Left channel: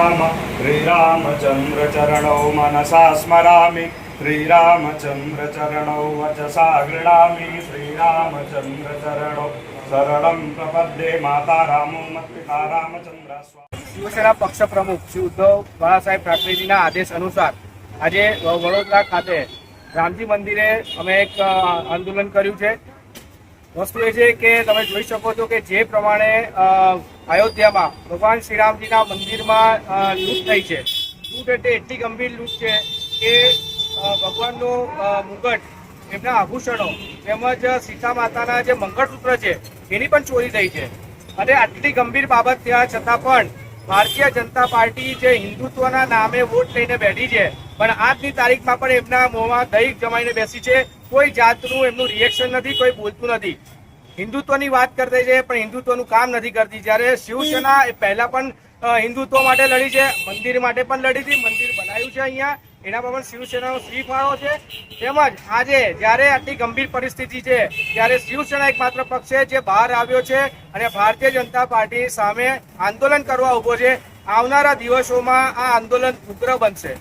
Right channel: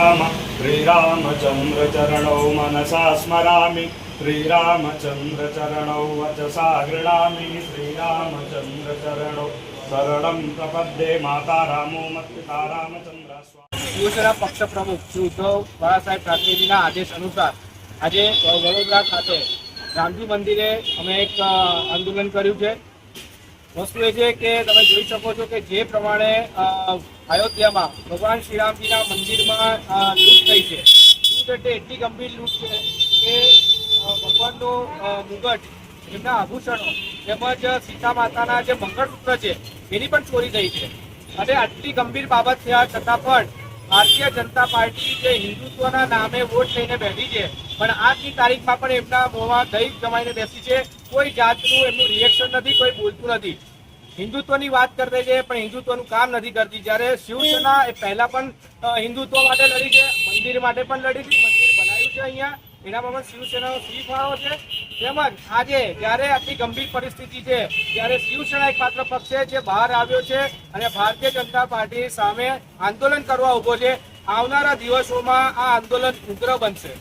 राम श्रीरामचंद्र चरणौ मनसा स्मरामि श्रीरामचंद्र चरणौ वचसा गृह्णामि श्रीरामचंद्र चरणौ शरणं प्रपद्ये माता रामो मत्पिता रामचंद्र स्वामी। शिवसेना पक्ष प्रमुख श्री उद्धव बाळासाहेब ठाकरेजीના આદેશ અનુસાર આજે વડોદરા ખાતે રામજી મંદિરે અમે એક આંદોલન કર્યું છે। વસ્તુ એ છે કે તમે જોઈ શકો છો કે જે પ્રમાણે અયોધ્યામાં ભગવાન શ્રીરામજીના મંદિરમાં લૂંટ થઈ છે, લૂંટ એટલે એટલી ગંભીર લૂંટ છે કે ભગવાનનું મુગટ, એમના આભૂષણો તેમજ સીતા માતાના જે મંગળસૂત્ર છે એની પણ ચોરી થઈ છે। અને આટલી ગંભીર બાબત થયા છતાં પણ ભારતીય જનતા પાર્ટી જે હિન્દુત્વના નામે વોટ લઈને બેઠી છે, પણ આજની તારીખમાં પણ એમના મોંમાં દહીં જમાઈને બેસી છે। કોઈ જાતનું એમનું રિએક્શન નથી, કોઈ બોલતું નથી। હિન્દુત્વની વાત કરતી છે પણ હિન્દુત્વનું કામ નથી કરતી। જ્યારે શિવસેના એ પહેલા પણ હિન્દુત્વ માટે લડી છે, મંદિર માટે પણ લડી હતી, મંદિર બનાવ્યું છે અહીંયા, એના પર પણ શિવસેનાનો શ્રી ફાળો છે। તેમજ આજે જ્યારે આટલી ગંભીર પરિસ્થિતિ છે ત્યારે શિવસેના એકમાત્ર પક્ષ છે જે બહાર આવ્યો છે અને ભારતીય જનતા પાર્ટી સામે આંદોલન કરવા ઉભો છે। આવનારા દિવસોમાં આ આંદોલન ઉગ્ર બનશે।